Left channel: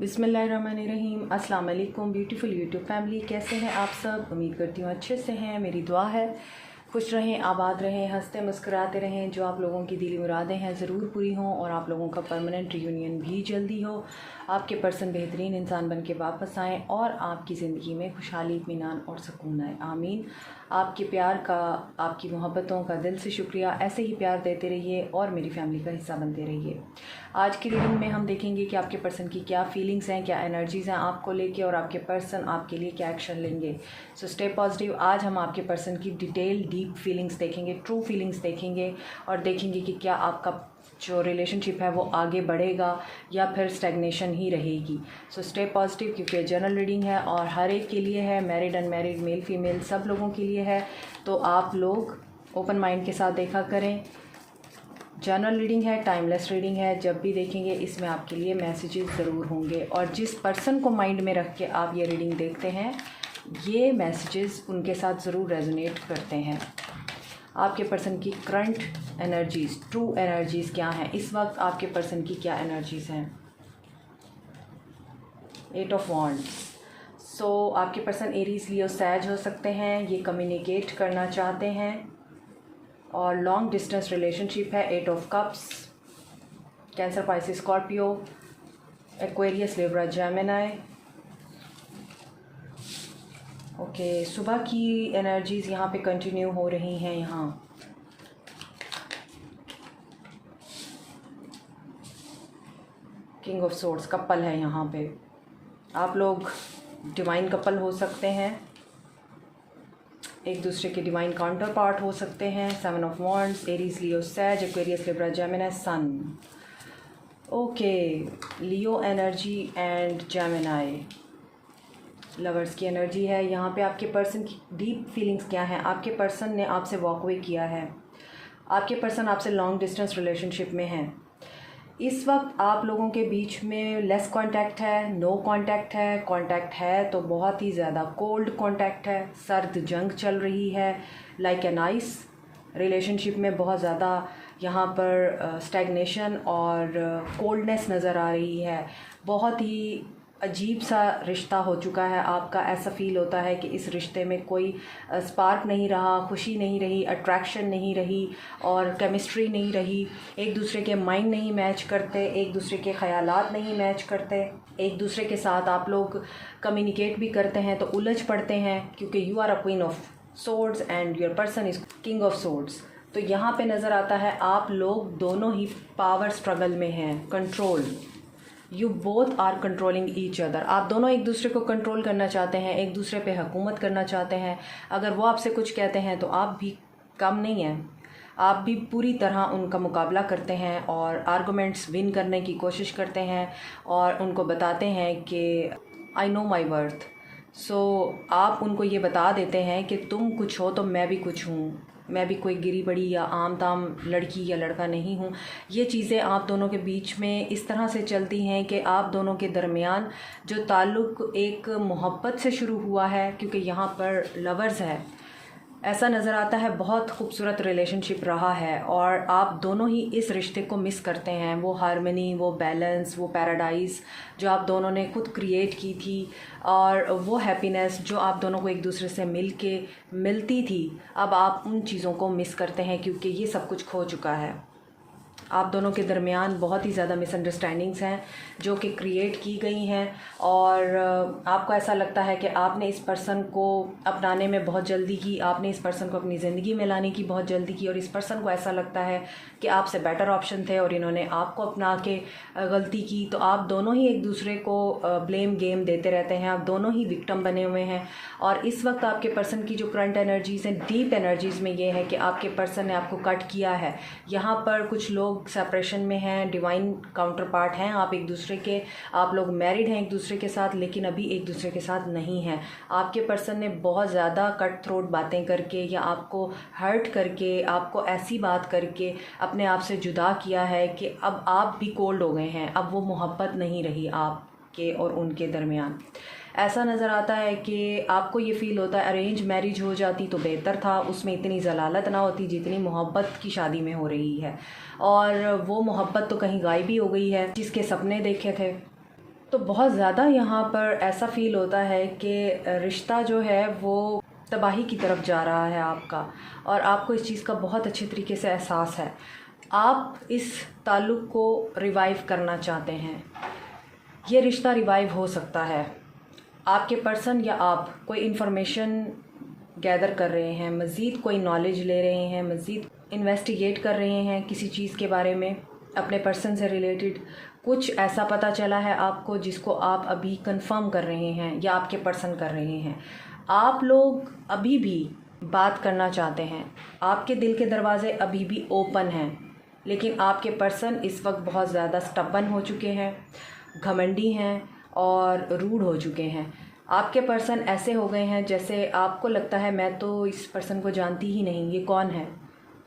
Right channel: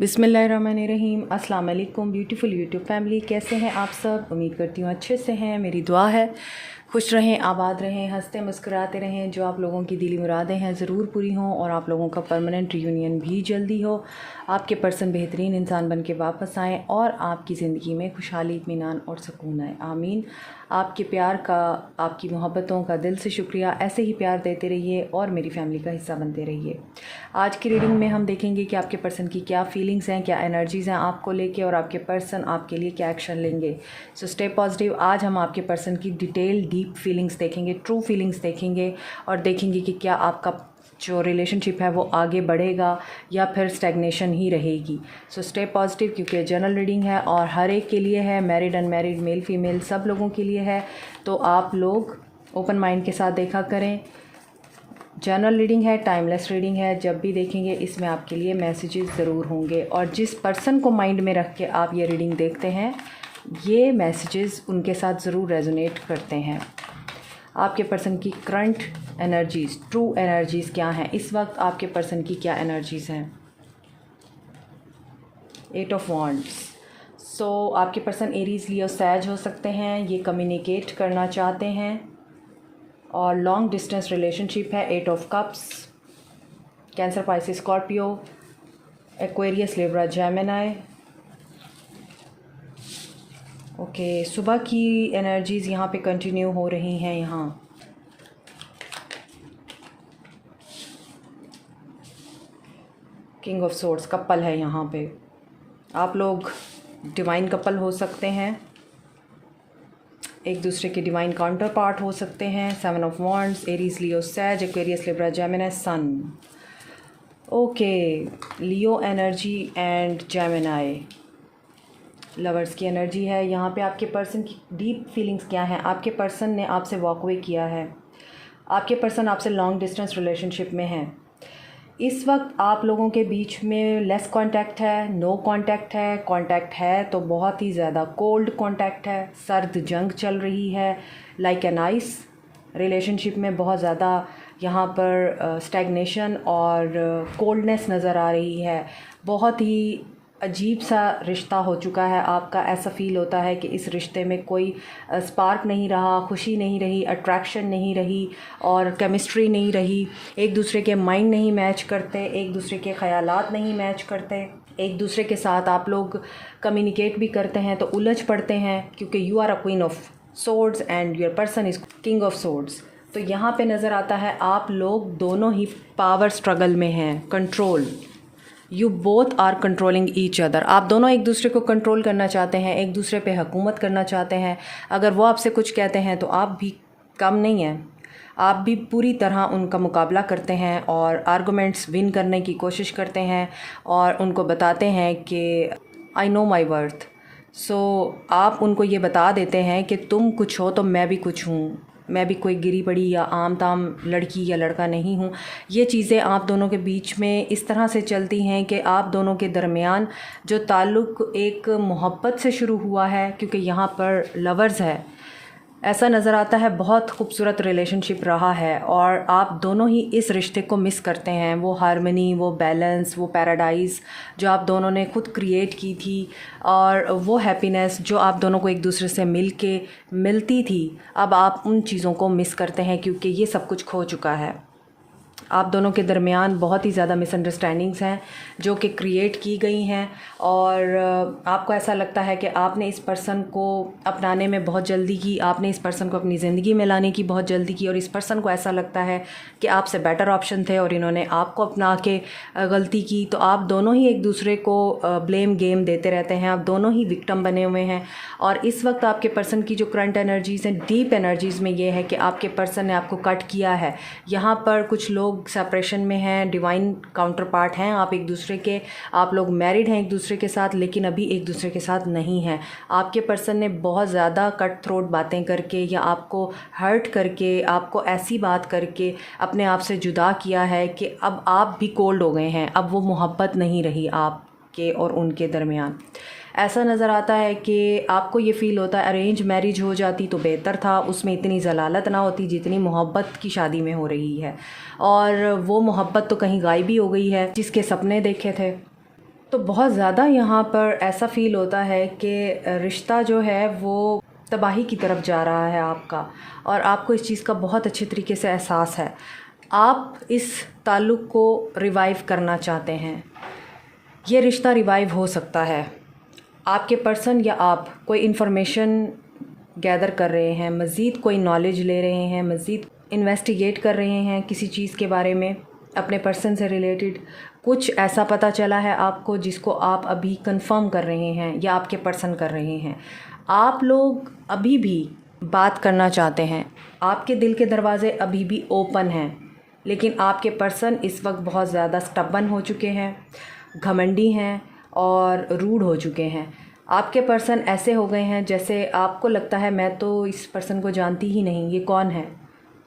बिस्मिल्लाहिर्रहमानिर्रहीम। अस्सलाम वालेकुम ब्यूटीफुल यूट्यूब फैमिली, कैसे हैं आप सब? उम्मीद करती हूँ अच्छे से हैं। मेरी दुआ है खुश रहें, आबाद रहें, हंसते मुस्कुराते रहें। जो आप लोगों की दिली मुरादें हैं ज़रूर पूरी हों और आप लोगों का परमानेंट रियूनियन भी जल्दी हो। आपके पर्सन बेहतरीन इंसान बन के वापस आएँ और आपकी ज़िंदगी में खुशहाली, इत्मीनान और सुकून आए। आमीन। आपके प्यार का, आपकी मोहब्बतों का दिल से शुक्रिया। ऐसे ही प्यार देते रहिए और मेरी फैमिली का हिस्सा बनते रहिए। आज की रीडिंग में हम देखेंगे कि आपके पर्सन की क्या फीलिंग्स हैं, क्या एनर्जीज़ हैं आपको लेके, और आपके पर्सन आपके लिए क्या एक्शन लेंगे। So stay positive. आज हम आपके पर्सन की डिटेल डीप फीलिंग्स देखेंगे, ट्रू फीलिंग्स देखेंगे और देखेंगे कि क्या आपका जो रिलेशनशिप है वो आगे बढ़ेगा या फिर स्टैग्नेशन ही रहेगी। सो स्टे पॉजिटिव, क्योंकि जनरल रीडिंग है और हर एक के लिए है, मैरिड अनमैरिड, मेल फीमेल सब लोगों के लिए है। तो आप लोग ओपन माइंड के साथ देखा करें। जनरल रीडिंग है, टाइमलेस रीडिंग है। जब भी देखेंगे इसमें आपके लिए मैसेजेस ज़रूर होंगे और जिस पर्सन को माइंड में रख के आप ये रीडिंग देखते हैं, ये मैसेजेस उनके साथ ज़रूर रेजोनेट करते हैं। आपके पर्सन की करंट एनर्जीज़, ट्रू एनर्जीज़ क्या हैं इस वक्त? आपके पर्सन की क्या एनर्जीज़ हैं? 8 ऑफ वॉन्ड्स। सो आपके पर्सन एरीज, लियो, सैज हो सकते हैं। ये कम्युनिकेट करना चाहते हैं और लॉन्ग डिस्टेंस रिलेशनशिप है। 8 of cups. Cancer, Pisces, Scorpio, Aquarius, Libra, Gemini. Okay, सुबह की एनर्जीज़ यहाँ पे कंटिन्यू हो रही हैं। यहाँ किंग ऑफ सोर्ड्स, कपल है यहाँ पे। आप लोग डिवाइन कपल हो सकते हैं, एक दूसरे के डिवाइन काउंटर पार्ट हो सकते हैं। 7 of wands, Aries, Leo, Sag, Aquarius, Libra, Gemini, sun. Okay, Leo energy and Gemini lovers की एनर्जी है। यहाँ पे आपके पर्सन की डीप फीलिंग्स क्या हैं? आपके पर्सन ने आपसे वॉक अवे किया है। आपके पर्सन आपसे लॉन्ग डिस्टेंस रिलेशनशिप में है। इस वक्त आप लोगों के बीच में लेस कांटेक्ट है, नो कांटेक्ट है। कांटेक्ट है तो बहुत ही ज़्यादा कोल्ड कांटेक्ट है, सर्द जंग चल रही है। लाइक एन आइस रिलेशनशिप में बहुत ज़्यादा यहाँ पर स्टैग्नेशन और कोल्डनेस नज़र आ रही है। बहुत ही अजीब सा रिश्ता हो चुका है आपका। ऐसा फ़ील होता है कि इस रिश्ते में कोई स्पार्क नहीं रहा, खुशी नहीं रही, अट्रैक्शन नहीं रही और केमिस्ट्री नहीं रही। एक दूसरे के माइंड नहीं मैच करते, एक दूसरे के ख़यालात नहीं मैच करते। एक दूसरे के साथ आप लोग कम्युनिकेट भी करते हैं तो उलझ पड़ते हैं, क्योंकि you are a queen of swords and your person is king of swords. तो यहाँ पे नज़र आता है आप लोग दोनों ही पावर स्ट्रगल में हैं, control. You both are controlling each other. आप दोनों एक दूसरे को कंट्रोल करना चाहते हैं, एक दूसरे पे हुकूमत करना चाहते हैं। अगर वो आपसे कुछ कहते हैं तो आप भी कम नहीं हैं, आप भी पूरी तरह उनका मुकाबला करते हैं और आर्गूमेंट्स विन करने की कोशिश करते हैं और उनको बताते हैं कि आई नो माई वर्थ। सो आप उनको ये बता देते हैं कि तुम कुछ हो तो मैं भी कुछ हूँ, मैं भी कोई गिरी पड़ी या आम ताम लड़की या लड़का नहीं हूँ। ये चीज़ें आप दोनों के बीच में इस तरह से चलती हैं कि आप दोनों के दरमियान जो ताल्लुक़ एक मोहब्बत से शुरू हुआ है, क्योंकि यहाँ पर लवर्स है, ऐसा नज़र आता है बहुत खूबसूरत रिलेशनशिप रहा है और आप दोनों ही इस रिश्ते को मिस करते हैं। वो हार्मनी, वो बैलेंस, वो पैराडाइज़ जो आप दोनों ने खुद क्रिएट की थी और वो हैप्पीनेस जो आप दोनों को एक दूसरे से मिलती थी, अब आप उन चीज़ों को मिस करते हैं क्योंकि ये सब कुछ खो चुका है। आप दोनों के दरमियान बहुत ही ज़्यादा मिसअंडरस्टैंडिंग्स हैं जो कि क्रिएट की गई हैं और आपको ऐसा लगता है कि आपने इस पर्सन को अपनाने में बहुत जल्दी की, आपने इस पर्सन को अपनी ज़िंदगी में लाने की बहुत जल्दी की और इस पर्सन को ऐसा लगता है कि आपसे बेटर ऑप्शन थे और इन्होंने आपको अपना के गलती की। तो आप दोनों ही एक दूसरे को ब्लेम गेम देते रहते हैं, आप दोनों ही विक्टिम बने हुए हैं। और इस वक्त आपके पर्सन की जो करंट एनर्जीज़ हैं, डीप एनर्जीज़ में ये है कि आपके पर्सन ने आपको कट किया है। यहाँ पर कुछ लोग सेपरेशन में हैं, डिवाइन काउंटर पार्ट हैं, आप एक दूसरे के, आप लोग मैरिड हैं एक दूसरे के साथ लेकिन अभी एक दूसरे के साथ नहीं हैं। आपके पर्सन ने बहुत ज़्यादा कट थ्रोट बातें करके या आपको हर्ट करके, आपको ऐसी बात करके अपने आप से जुदा किया है कि अब आप भी कोल्ड हो गए हैं। अब वो मोहब्बत नहीं रही आपके और उनके दरमियान। ऐसा नज़र आता है कि आपको ये फ़ील होता है अरेंज मैरिज हो जाती तो बेहतर था, उसमें इतनी ज़लालत ना होती जितनी मोहब्बत की शादी में हो रही है। और वो मोहब्बत तो कहीं गायब ही हो गई है जिसके सपने देखे थे। तो बहुत ज़्यादा यहाँ पर ऐसा फ़ील होता है कि रिश्ता जो है वो तबाही की तरफ जा रहा है आपका, और आपको इस चीज़ का बहुत अच्छे तरीके से एहसास है। आप इस ताल्लुक़ को रिवाइव करना चाहते हैं। ये रिश्ता रिवाइव हो सकता है। आपके पर्सन या आप कोई इन्फॉर्मेशन गैदर कर रहे हैं, मज़ीद कोई नॉलेज ले रहे हैं, मज़ीद इन्वेस्टिगेट कर रहे हैं किसी चीज़ के बारे में, अपने पर्सन से रिलेटेड कुछ ऐसा पता चला है आपको जिसको आप अभी कंफर्म कर रहे हैं या आपके पर्सन कर रहे हैं। आप लोग अभी भी बात करना चाहते हैं, आपके दिल के दरवाज़े अभी भी ओपन हैं, लेकिन आपके पर्सन इस वक्त बहुत ज़्यादा स्टबन हो चुके हैं, घमंडी हैं और रूड हो चुके हैं। आपके पर्सन ऐसे हो गए हैं जैसे आपको लगता है मैं तो इस पर्सन को जानती ही नहीं, ये कौन है,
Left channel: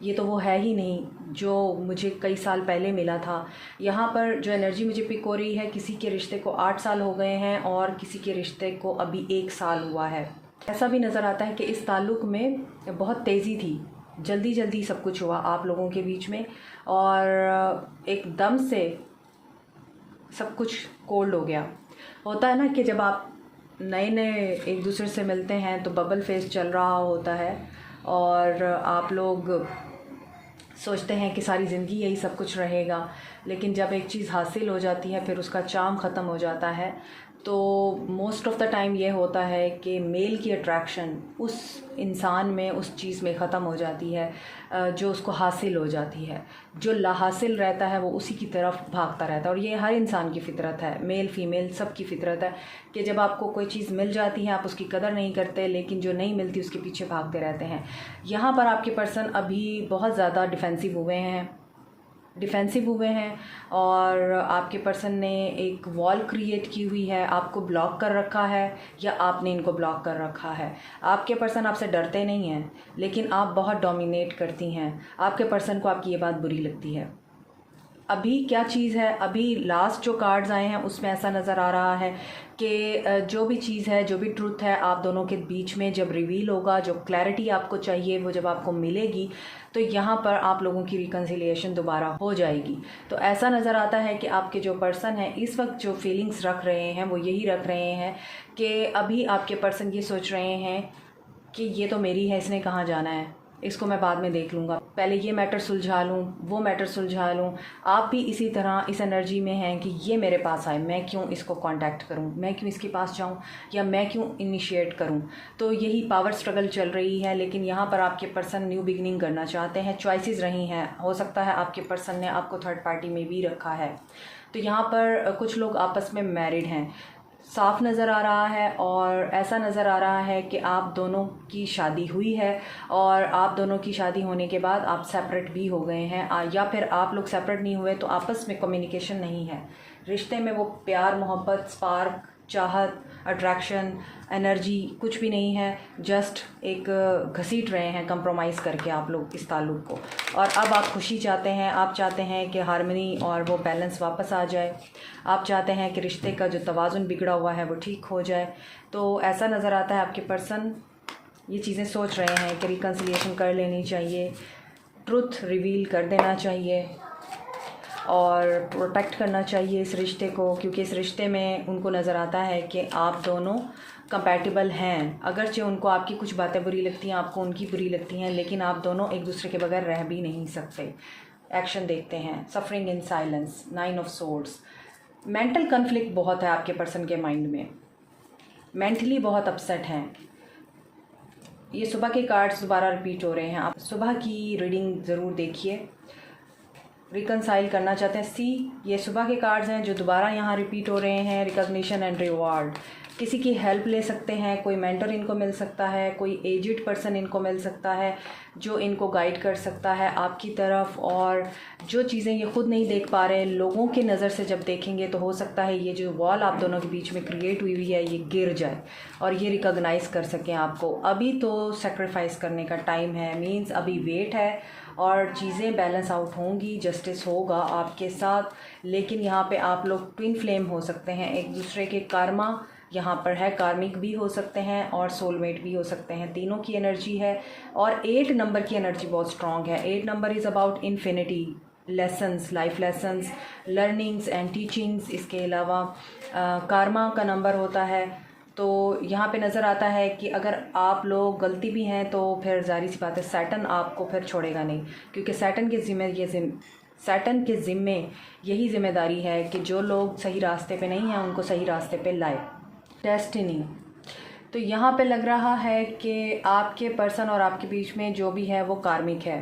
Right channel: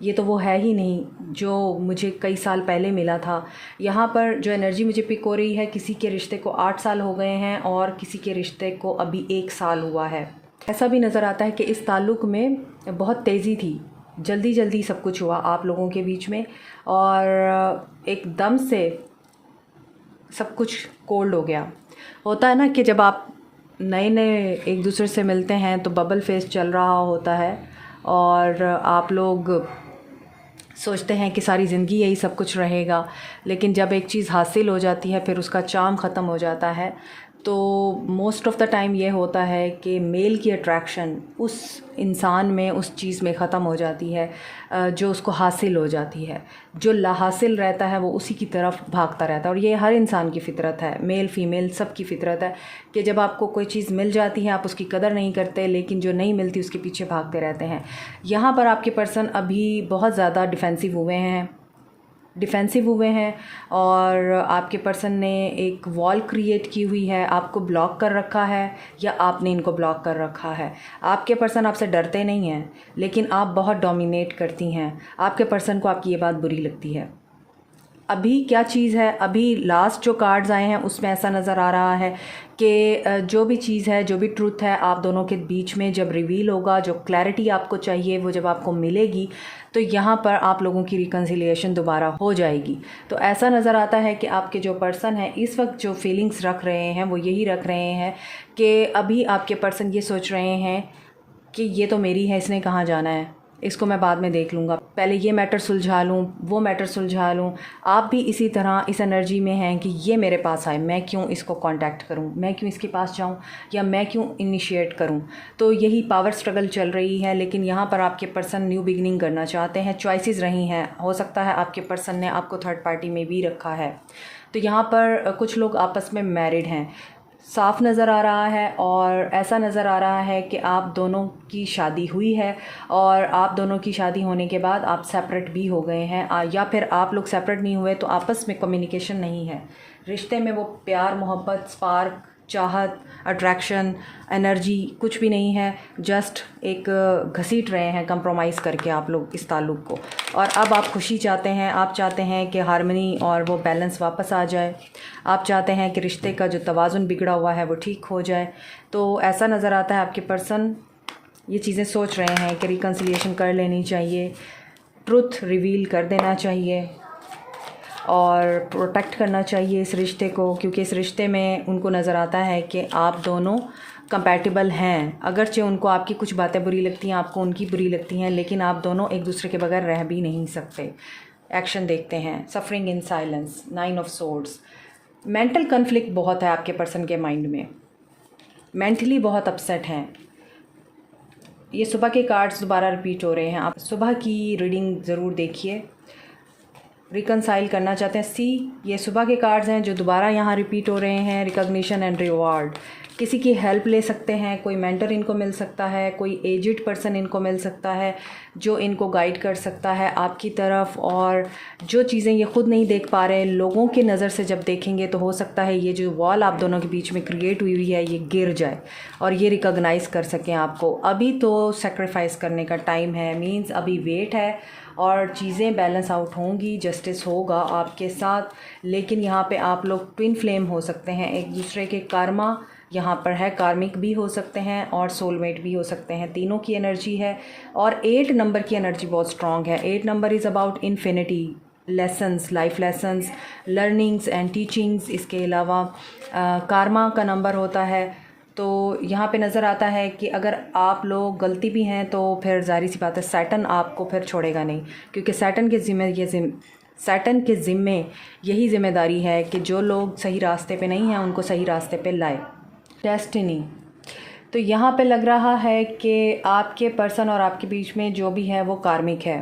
ये तो वो है ही नहीं जो मुझे कई साल पहले मिला था। यहाँ पर जो एनर्जी मुझे पिक हो रही है, किसी के रिश्ते को 8 साल हो गए हैं और किसी के रिश्ते को अभी 1 साल हुआ है। ऐसा भी नज़र आता है कि इस ताल्लुक़ में बहुत तेज़ी थी, जल्दी जल्दी सब कुछ हुआ आप लोगों के बीच में, और एकदम से सब कुछ कोल्ड हो गया। होता है ना कि जब आप नए नए एक दूसरे से मिलते हैं तो बबल फेस चल रहा होता है और आप लोग सोचते हैं कि सारी ज़िंदगी यही सब कुछ रहेगा, लेकिन जब एक चीज़ हासिल हो जाती है फिर उसका चार्म ख़त्म हो जाता है। तो मोस्ट ऑफ़ द टाइम ये होता है कि मेल की अट्रैक्शन उस इंसान में, उस चीज़ में ख़त्म हो जाती है जो उसको हासिल हो जाती है। जो लाहासिल रहता है वो उसी की तरफ भागता रहता है, और ये हर इंसान की फ़ितरत है, मेल फीमेल सब की फ़ितरत है कि जब आपको कोई चीज़ मिल जाती है आप उसकी कदर नहीं करते, लेकिन जो नहीं मिलती उसके पीछे भागते रहते हैं। यहाँ पर आपके पर्सन अभी बहुत ज़्यादा डिफेंसिव हुए हैं और आपके पर्सन ने एक वॉल क्रिएट की हुई है, आपको ब्लॉक कर रखा है या आपने इनको ब्लॉक कर रखा है। आपके पर्सन आपसे डरते नहीं हैं, लेकिन आप बहुत डोमिनेट करती हैं। आपके पर्सन को आपकी ये बात बुरी लगती है। अभी क्या चीज़ है, अभी लास्ट जो कार्ड्स आए हैं उसमें ऐसा नज़र आ रहा है कि जो भी चीज़ है, जो भी ट्रूथ है आप दोनों के बीच में जब रिवील होगा, जो क्लैरिटी आपको चाहिए वो जब आपको मिलेगी, तो यहाँ पर आप लोगों की रिकन्सिलिएशन दोबारा हो जाएगी। तो ऐसा नज़र आता है कि आपके जो पर्सन है इस वक्त जो फीलिंग्स रख रहे हैं वो यही रख रहे हैं कि अभी आपके पर्सन ये सोच रहे हैं कि ये तो मेरी है, इसने कहाँ जाना है, इसको मैं बाद में देख लूँगा, पहले ये मैटर सुलझा लूँ, वो मैटर सुलझा लूँ। आप भी इसी तरह इस एनर्जी में हैं कि ये मेरे पास आए, मैं क्यों इसको कांटेक्ट करूँ, मैं क्यों इसके पास जाऊँ, या मैं क्यों इनिशिएट करूँ। तो यही पावर स्ट्रगल चल रही है, लेकिन यहाँ पर आपके पर्सन न्यू बिगिनिंग करना चाहते हैं। चॉइसेस रही हैं, हो सकता है आपके पर्सन ने आपको थर्ड पार्टी में भी रखा है। तो यहाँ पर कुछ लोग आपस में मैरिड हैं, साफ नज़र आ रहा है, और ऐसा नज़र आ रहा है कि आप दोनों की शादी हुई है और आप दोनों की शादी होने के बाद आप सेपरेट भी हो गए हैं, या फिर आप लोग सेपरेट नहीं हुए तो आपस में कम्युनिकेशन नहीं है। रिश्ते में वो प्यार, मोहब्बत, स्पार्क, चाहत, अट्रैक्शन, एनर्जी कुछ भी नहीं है। जस्ट एक घसीट रहे हैं कंप्रोमाइज़ करके आप लोग इस ताल्लुक़ को, और अब आप खुशी चाहते हैं। आप चाहते हैं कि हार्मनी और वो बैलेंस वापस आ जाए। आप चाहते हैं कि रिश्ते का जो तवाज़ुन बिगड़ा हुआ है वो ठीक हो जाए। तो ऐसा नज़र आता है आपके पर्सन ये चीज़ें सोच रहे हैं कि रिकन्सिलिएशन कर लेनी चाहिए, ट्रुथ रिवील कर देना चाहिए और प्रोटेक्ट करना चाहिए इस रिश्ते को, क्योंकि इस रिश्ते में उनको नज़र आता है कि आप दोनों कंपैटिबल हैं। अगरचे उनको आपकी कुछ बातें बुरी लगती हैं, आपको उनकी बुरी लगती हैं, लेकिन आप दोनों एक दूसरे के बगैर रह भी नहीं सकते। एक्शन देखते हैं, suffering in silence, 9 of swords. Mental conflict बहुत है आपके पर्सन के माइंड में, मेंटली बहुत अपसेट हैं। ये सुबह के कार्ड्स दोबारा रिपीट हो रहे हैं, आप सुबह की रीडिंग ज़रूर देखिए। रिकनसाइल करना चाहते हैं, ये सुबह के कार्ड्स हैं जो दोबारा यहाँ रिपीट हो रहे हैं। रिकॉग्निशन एंड रिवॉर्ड, किसी की हेल्प ले सकते हैं, कोई मेंटर इनको मिल सकता है, कोई एजिड पर्सन इनको मिल सकता है जो इनको गाइड कर सकता है आपकी तरफ, और जो चीज़ें ये खुद नहीं देख पा रहे लोगों की नज़र से जब देखेंगे तो हो सकता है ये जो वॉल आप दोनों के बीच में क्रिएट हुई है ये गिर जाए और ये रिकॉग्नाइज़ कर सकें आपको। अभी तो सेक्रीफाइस करने का टाइम है, मीन्स अभी वेट है और चीज़ें बैलेंस आउट होंगी, जस्टिस होगा आपके साथ। लेकिन यहाँ पे आप लोग ट्विन फ्लेम हो सकते हैं, एक दूसरे के कर्मा यहाँ पर है, कार्मिक भी हो सकते हैं और सोलमेट भी हो सकते हैं, तीनों की एनर्जी है। और 8 नंबर की एनर्जी बहुत स्ट्रॉन्ग है। 8 number is about infinity, lessons, life lessons, learnings and teachings. इसके अलावा कार्मा का नंबर होता है। तो यहाँ पे नज़र आता है कि अगर आप लोग गलती भी हैं तो फिर ज़ाहिर सी बात है सैटर्न आपको फिर छोड़ेगा नहीं, क्योंकि सैटर्न के ज़िम्मे यही ज़िम्मेदारी है कि जो लोग सही रास्ते पे नहीं हैं उनको सही रास्ते पे लाए। डेस्टिनी, तो यहाँ पे लग रहा है कि आपके पर्सन और आपके बीच में जो भी है वो कार्मिक है।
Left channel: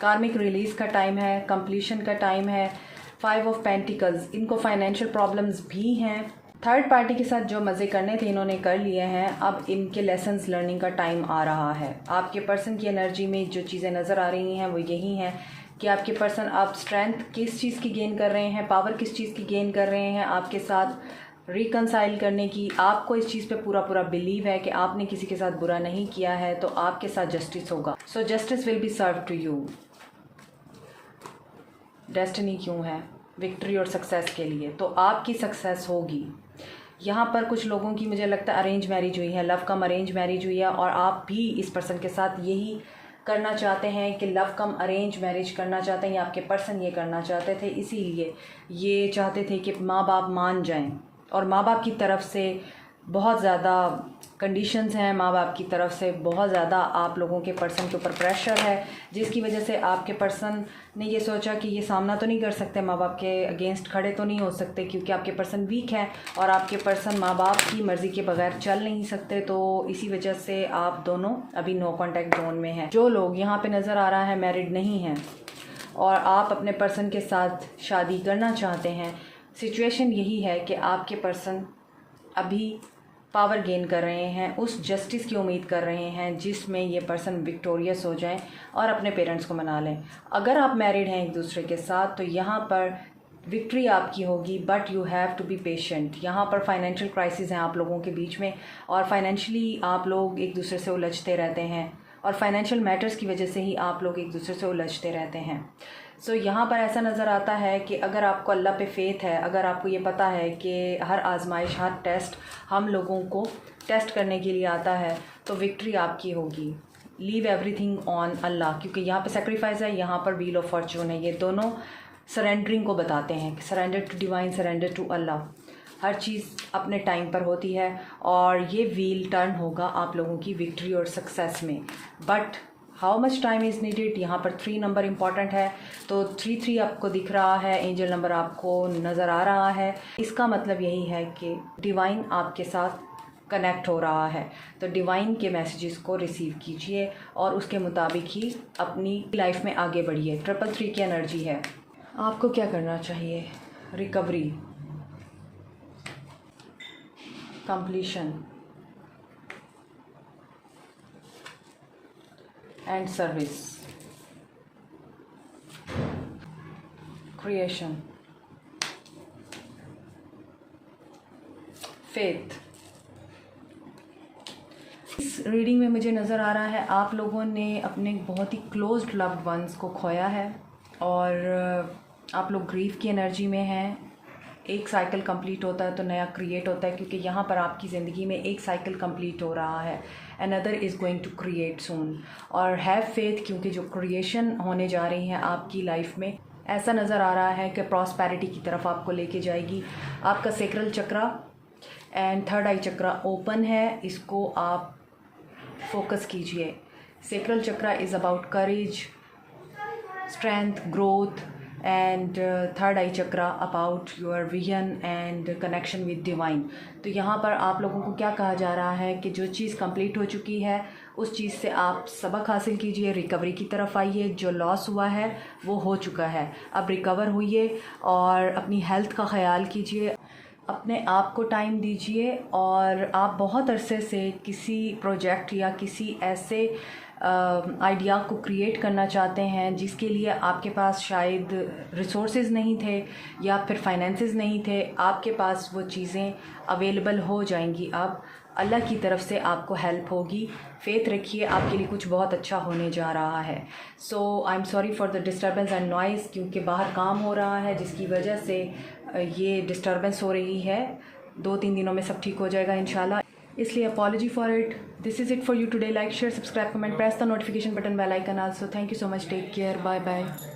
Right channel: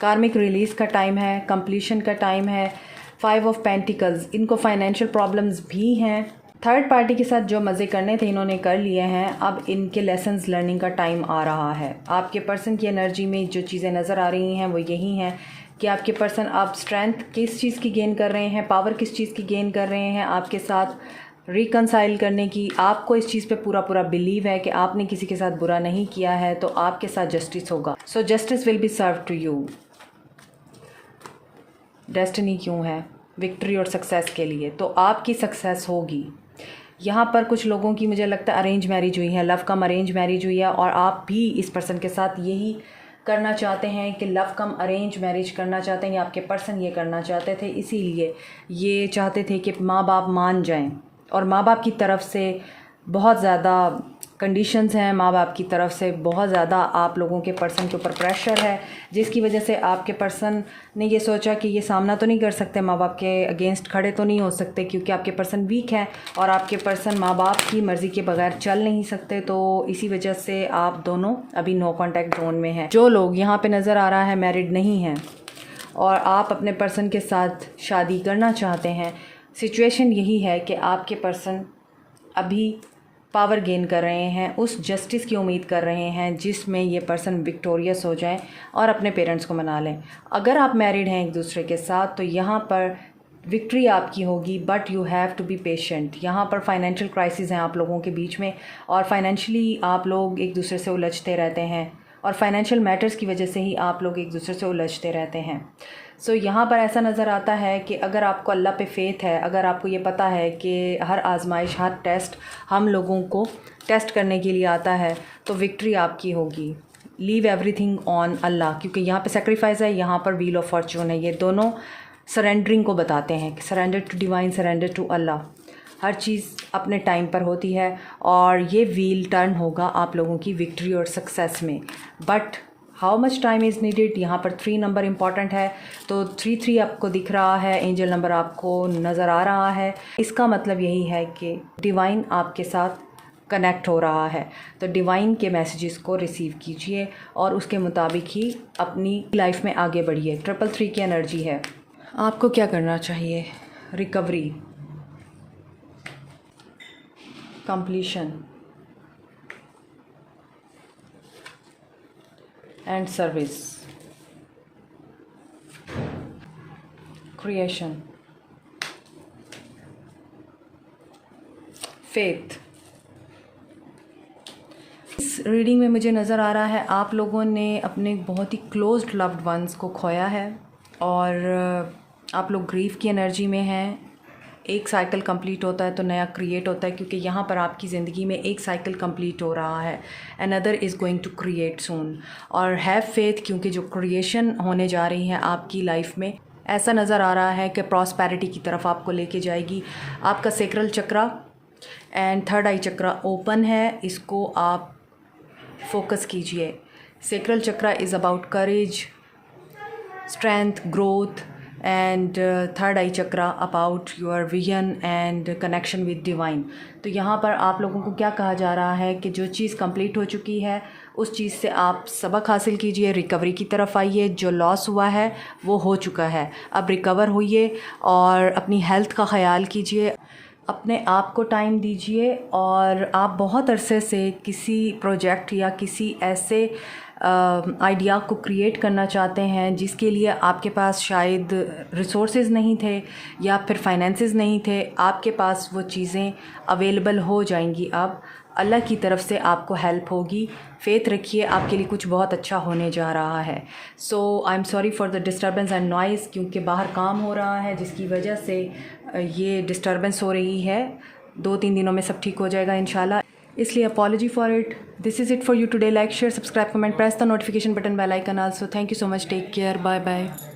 कार्मिक रिलीज़ का टाइम है, कंप्लीशन का टाइम है। 5 ऑफ पेंटिकल्स, इनको फाइनेंशियल प्रॉब्लम्स भी हैं। थर्ड पार्टी के साथ जो मज़े करने थे इन्होंने कर लिए हैं, अब इनके लेसन्स लर्निंग का टाइम आ रहा है। आपके पर्सन की एनर्जी में जो चीज़ें नज़र आ रही हैं वो यही हैं कि आपके पर्सन अब स्ट्रेंथ किस चीज़ की गेन कर रहे हैं, पावर किस चीज़ की गेन कर रहे हैं आपके साथ रिकनसाइल करने की। आपको इस चीज़ पे पूरा बिलीव है कि आपने किसी के साथ बुरा नहीं किया है, तो आपके साथ जस्टिस होगा। So justice will be serve to you. Destiny क्यों है? विक्ट्री और सक्सेस के लिए, तो आपकी सक्सेस होगी। यहाँ पर कुछ लोगों की मुझे लगता है अरेंज मैरिज हुई है, लव कम अरेंज मैरिज हुई है, और आप भी इस पर्सन के साथ यही करना चाहते हैं कि लव कम अरेंज मैरिज करना चाहते हैं, या आपके पर्सन ये करना चाहते थे, इसीलिए ये चाहते थे कि माँ बाप मान जाएं। और माँ बाप की तरफ से बहुत ज़्यादा कंडीशंस हैं, माँ बाप की तरफ से बहुत ज़्यादा आप लोगों के पर्सन के ऊपर प्रेशर है, जिसकी वजह से आपके पर्सन ने ये सोचा कि ये सामना तो नहीं कर सकते, माँ बाप के अगेंस्ट खड़े तो नहीं हो सकते, क्योंकि आपके पर्सन वीक हैं और आपके पर्सन माँ बाप की मर्ज़ी के बगैर चल नहीं सकते। तो इसी वजह से आप दोनों अभी नो कॉन्टैक्ट जोन में हैं। जो लोग यहाँ पर नज़र आ रहा है मैरिड नहीं हैं और आप अपने पर्सन के साथ शादी करना चाहते हैं, सिचुएशन यही है कि आपके पर्सन अभी पावर गेन कर रहे हैं, उस जस्टिस की उम्मीद कर रहे हैं जिसमें ये पर्सन विक्टोरियस हो जाए और अपने पेरेंट्स को मना लें। अगर आप मैरिड हैं एक दूसरे के साथ तो यहाँ पर विक्ट्री आपकी होगी, but you have to be patient. यहाँ पर फाइनेंशियल क्राइसिस हैं आप लोगों के बीच में, और फाइनेंशियली आप लोग एक दूसरे से उलझते रहते हैं, और फाइनेंशियल मैटर्स की वजह से ही आप लोग एक दूसरे से उलझते रहते हैं। सो यहाँ पर ऐसा नज़र आता है कि अगर आपको अल्लाह पे फेथ है, अगर आपको ये पता है कि हर आजमाइश, हर टेस्ट हम लोगों को टेस्ट करने के लिए आता है, तो विक्ट्री आपकी होगी। लीव एवरीथिंग ऑन अल्लाह, क्योंकि यहाँ पे सेक्रीफाइस है, यहाँ पर व्हील ऑफ फॉर्चून है। ये दोनों सरेंडरिंग को बताते हैं कि surrender to divine, surrender to Allah. हर चीज़ अपने टाइम पर होती है और ये व्हील टर्न होगा आप लोगों की विक्ट्री और सक्सेस में। But how much time is needed, यहाँ पर 3 नंबर इम्पॉर्टेंट है। तो 3 आपको दिख रहा है, एंजल नंबर आपको नज़र आ रहा है। इसका मतलब यही है कि डिवाइन आपके साथ कनेक्ट हो रहा है, तो डिवाइन के मैसेजेस को रिसीव कीजिए और उसके मुताबिक ही अपनी लाइफ में आगे बढ़िए। 333 की एनर्जी है। आपको क्या करना चाहिए? Recovery, completion and service, creation, faith. इस रीडिंग में मुझे नज़र आ रहा है आप लोगों ने अपने बहुत ही क्लोज्ड लव्ड वंस को खोया है और आप लोग ग्रीफ की एनर्जी में हैं। एक साइकिल कंप्लीट होता है तो नया क्रिएट होता है, क्योंकि यहाँ पर आपकी ज़िंदगी में एक साइकिल कंप्लीट हो रहा है, another is going to create soon. और हैव फेथ, क्योंकि जो क्रिएशन होने जा रही हैं आपकी लाइफ में, ऐसा नज़र आ रहा है कि प्रॉस्पेरिटी की तरफ आपको लेके जाएगी। आपका sacral chakra and third I chakra open है, इसको आप फोकस कीजिए। Sacral chakra is about courage, strength, growth, and third I chakra about your vision and connection with divine. तो यहाँ पर आप लोगों को क्या कहा जा रहा है कि जो चीज़ कंप्लीट हो चुकी है उस चीज़ से आप सबक हासिल कीजिए, रिकवरी की तरफ आइए। जो लॉस हुआ है वो हो चुका है, अब रिकवर होइए और अपनी हेल्थ का ख्याल कीजिए, अपने आप को टाइम दीजिए। और आप बहुत अरसे से किसी प्रोजेक्ट या किसी ऐसे आइडिया को क्रिएट करना चाहते हैं जिसके लिए आपके पास शायद रिसोर्सेज नहीं थे या फिर फाइनेंसेस नहीं थे, आपके पास वो चीज़ें अवेलेबल हो जाएंगी। अब अल्लाह की तरफ से आपको हेल्प होगी। फेथ रखिए, आपके लिए कुछ बहुत अच्छा होने जा रहा है। So I am sorry for the disturbance and noise, क्योंकि बाहर काम हो रहा है जिसकी वजह से ये डिस्टर्बेंस हो रही है। 2-3 दिनों में सब ठीक हो जाएगा इंशाल्लाह, इसलिए apology for it. This is it for you today. Like, share, subscribe, comment, press the notification button, bell icon also. Thank you so much, take care, bye bye.